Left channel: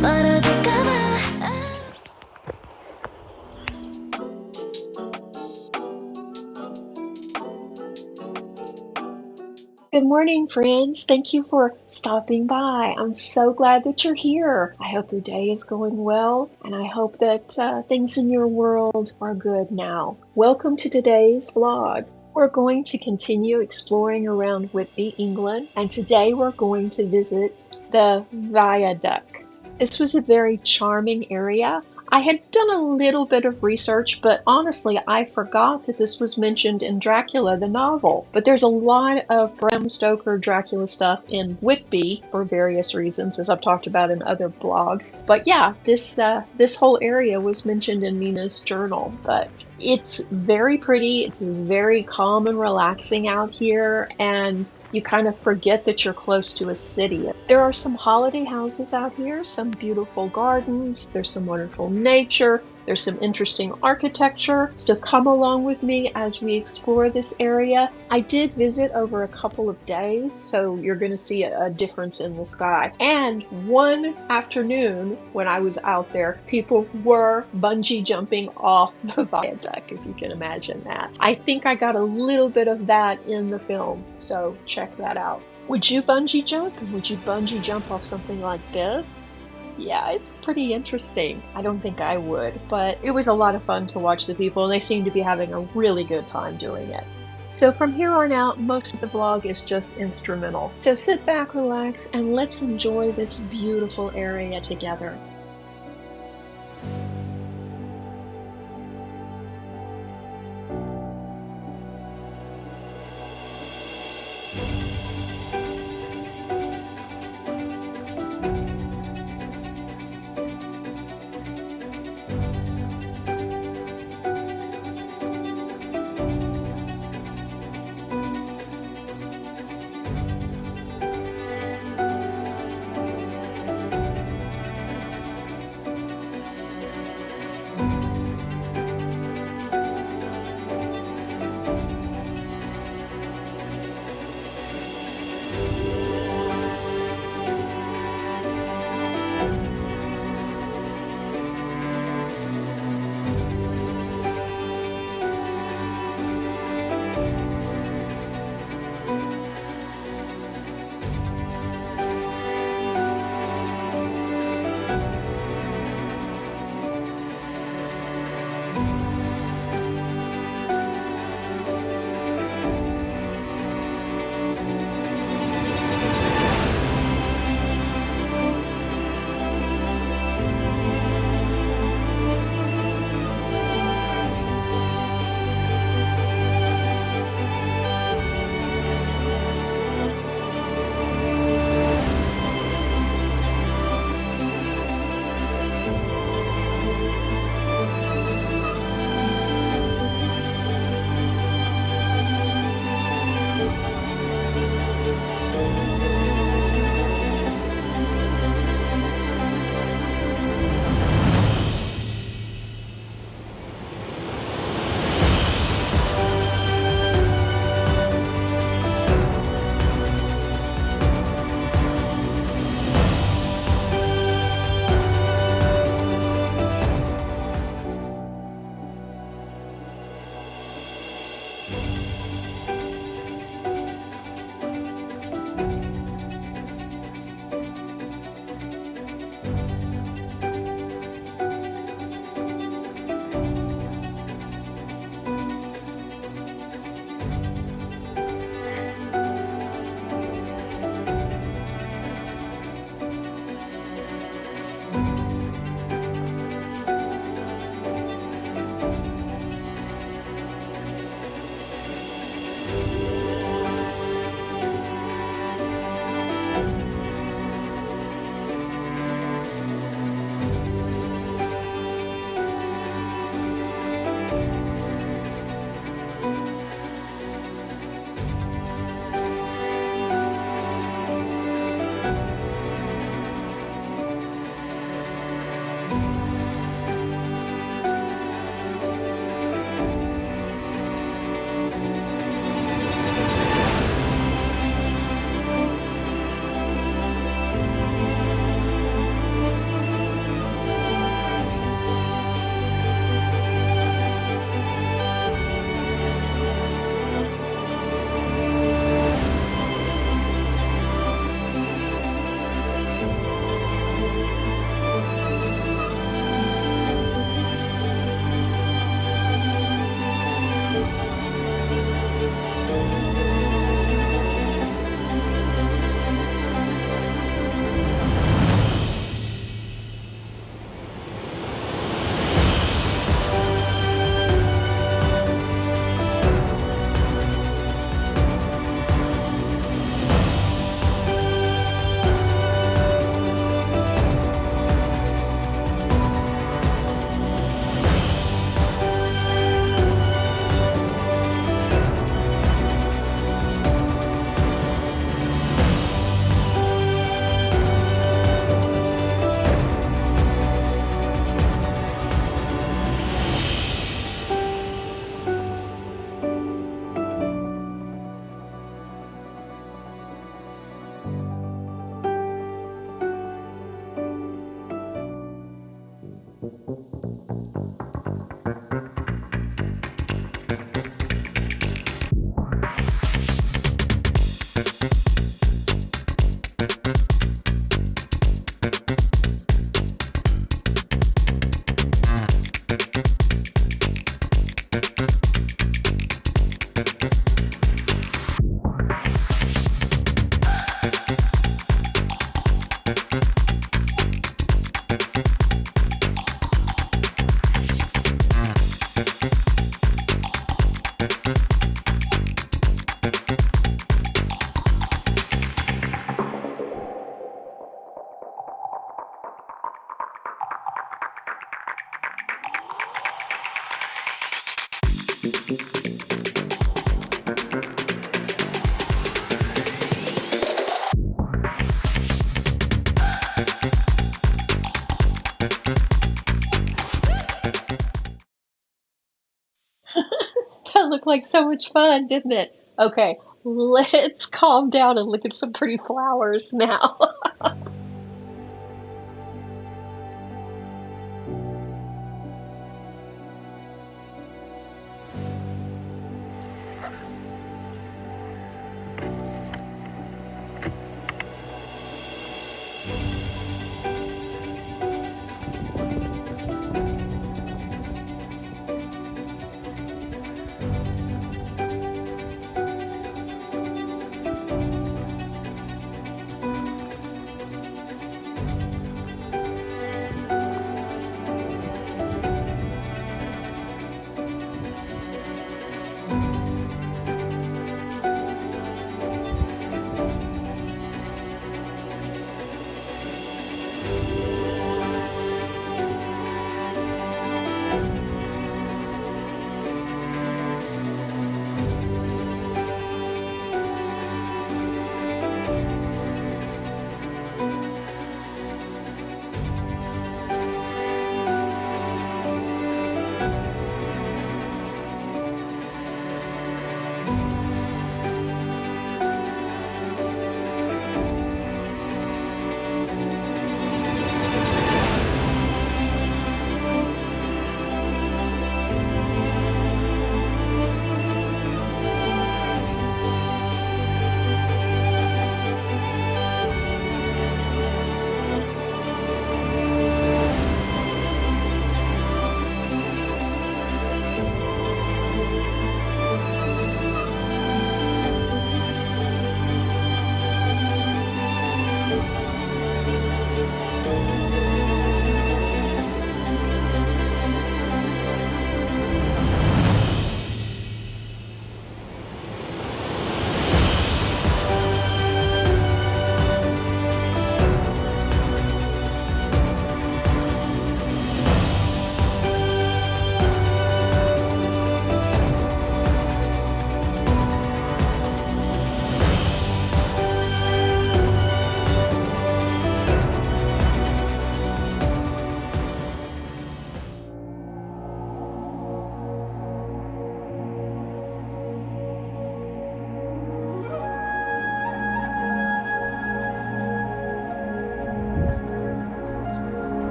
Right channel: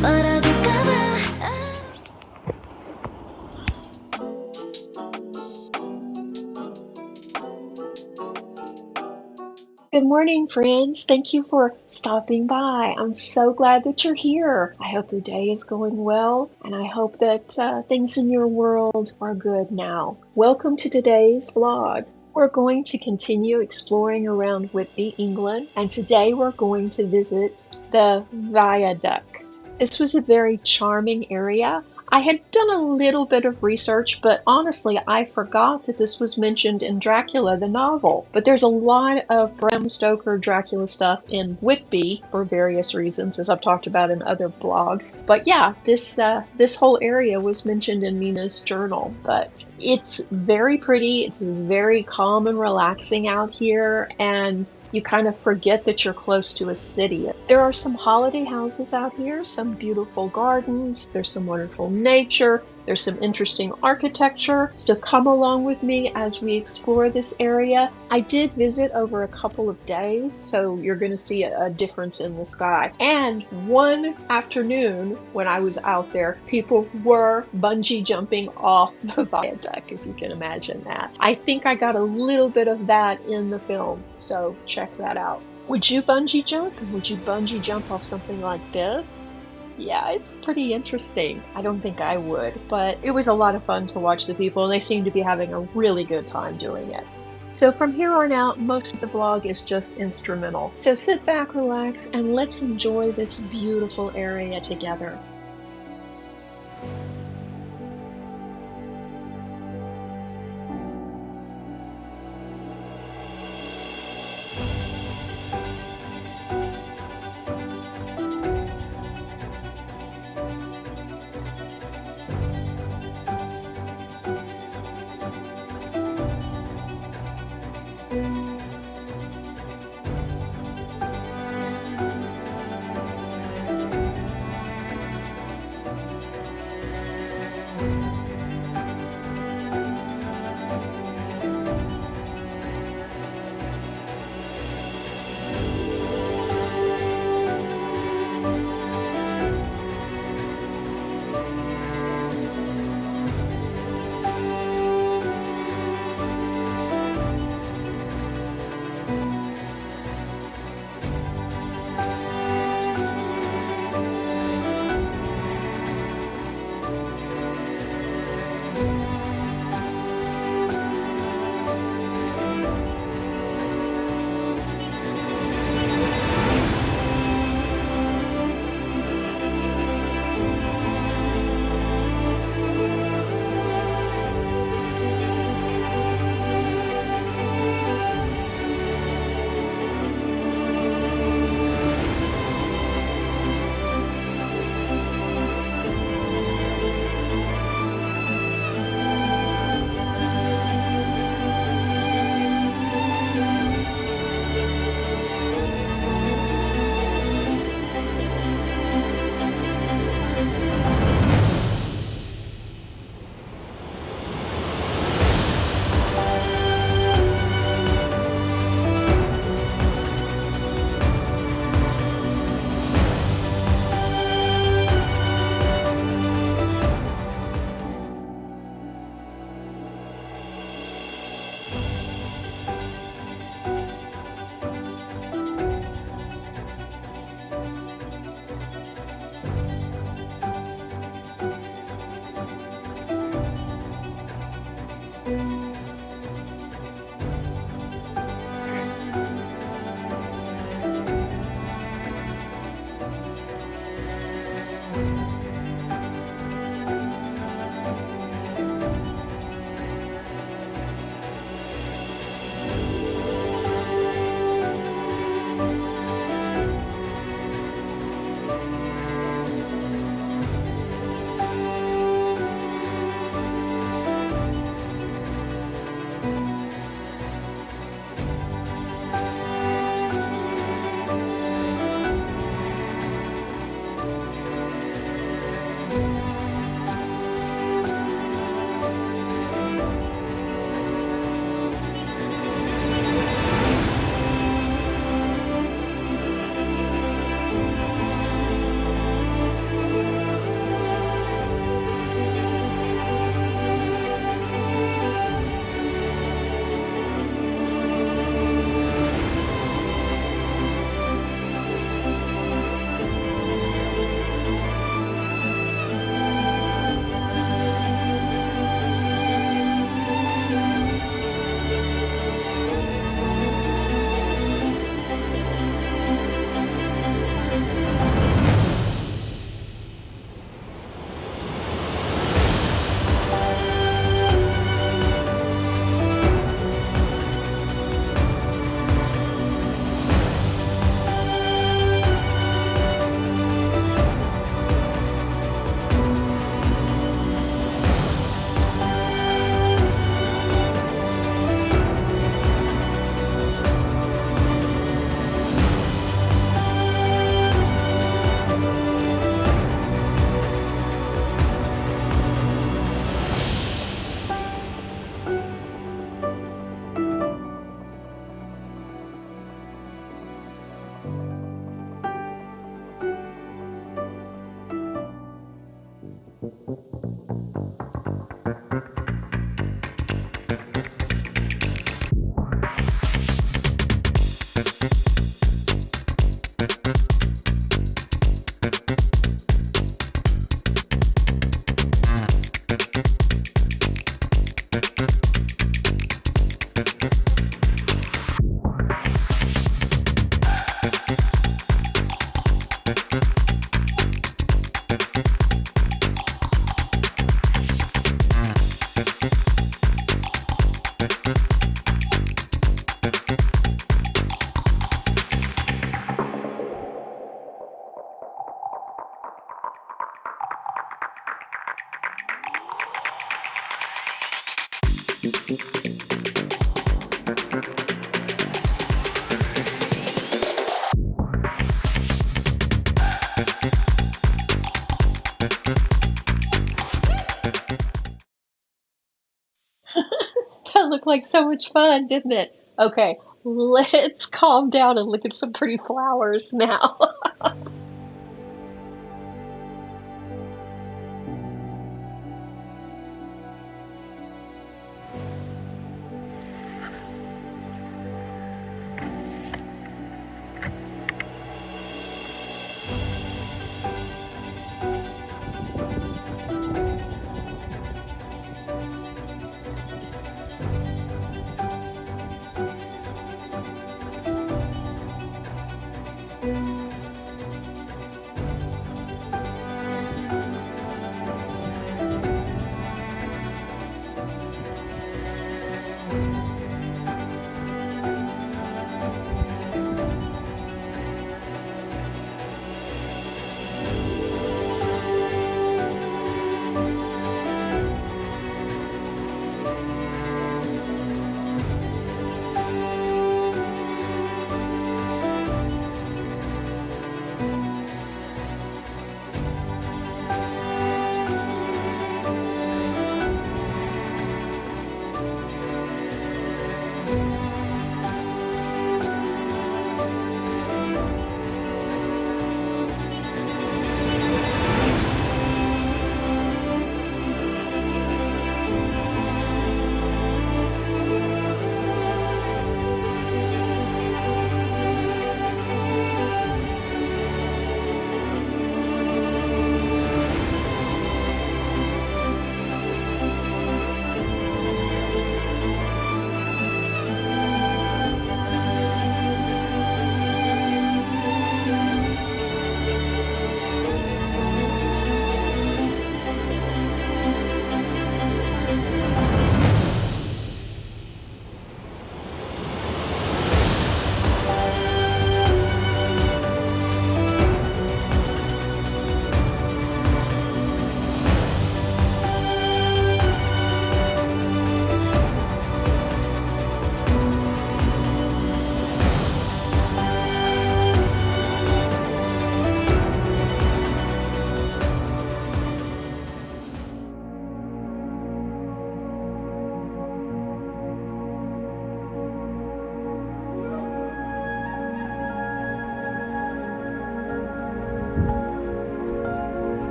멀어질까봐. Good morning, friends. Thank you for stopping by. I'm so glad that you're here. I hope your day is going well, and I hope that things in your world are good now. Welcome to today's vlog. We're going to continue exploring around Whitby, England, and today we're going to visit the Viaduct. This was a very charming area. I had done a little bit of research, but honestly, I forgot that this was mentioned in Dracula, the novel. But there's a lot of Bram Stoker Dracula stuff in Whitby for various reasons, as I've talked about in other blogs. But yeah, this whole area was mentioned in Mina's journal. But it's very pretty. It's very calm and relaxing out here, and you kind of forget that you're close to a city. There are some holiday houses out here, some beautiful gardens, there's some wonderful nature, there's some interesting architecture. So come along with me as we explore this area. I did visit over a couple of days, so you're going to see a difference in the sky. And one afternoon when I was out there, people were bungee jumping off the viaduct, if you can imagine that. I think I got a little bit of that in the film, so check that out. Would you bungee jump? And would you bungee jump off something like this? Yeah, it's pretty interesting. I don't think I would, but it was a lot of fun to watch the people, and they seem to be having a really good time doing it. So from here on out, most of the vlog is just instrumental. So sit back, relax, and let's enjoy this beautiful area together. That looked like so much fun, didn't it? Okay, let's calm down and look at some pretty flowers now.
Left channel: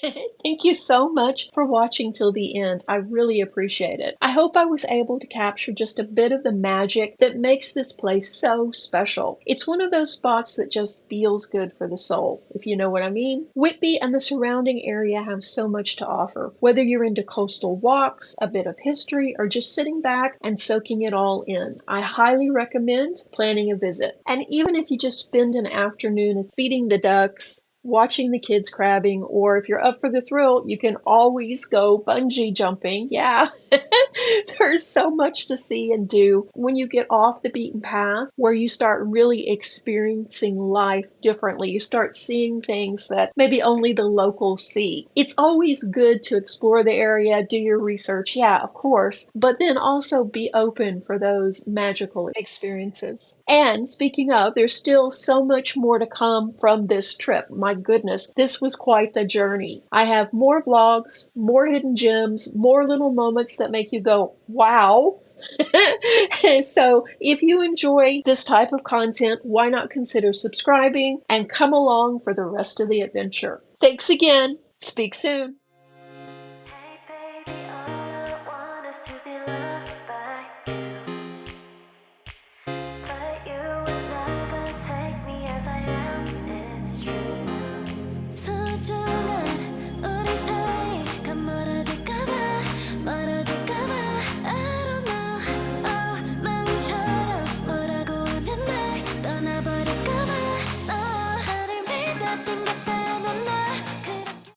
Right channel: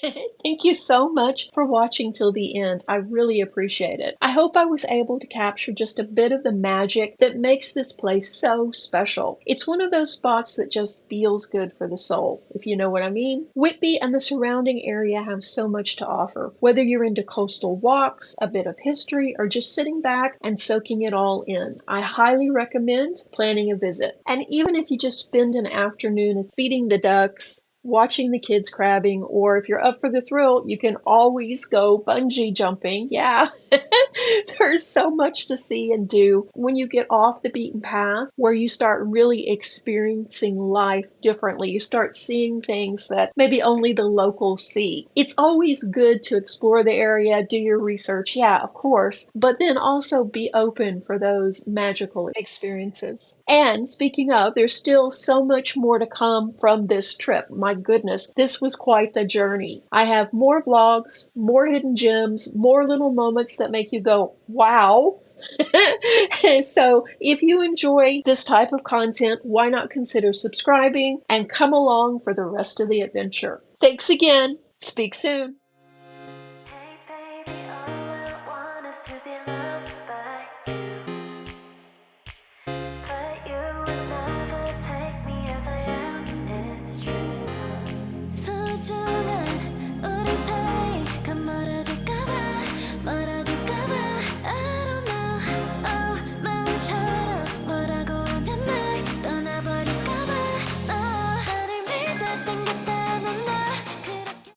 Thank you so much for watching till the end. I really appreciate it. I hope I was able to capture just a bit of the magic that makes this place so special. It's one of those spots that just feels good for the soul, if you know what I mean. Whitby and the surrounding area have so much to offer. Whether you're into coastal walks, a bit of history, or just sitting back and soaking it all in, I highly recommend planning a visit. And even if you just spend an afternoon feeding the ducks, watching the kids crabbing, or if you're up for the thrill, you can always go bungee jumping. Yeah, there's so much to see and do when you get off the beaten path, where you start really experiencing life differently. You start seeing things that maybe only the locals see. It's always good to explore the area, do your research, yeah, of course, but then also be open for those magical experiences. And speaking of, there's still so much more to come from this trip. My goodness, this was quite the journey. I have more vlogs, more hidden gems, more little moments that make you go, wow. So if you enjoy this type of content, why not consider subscribing and come along for the rest of the adventure? Thanks again. Speak soon.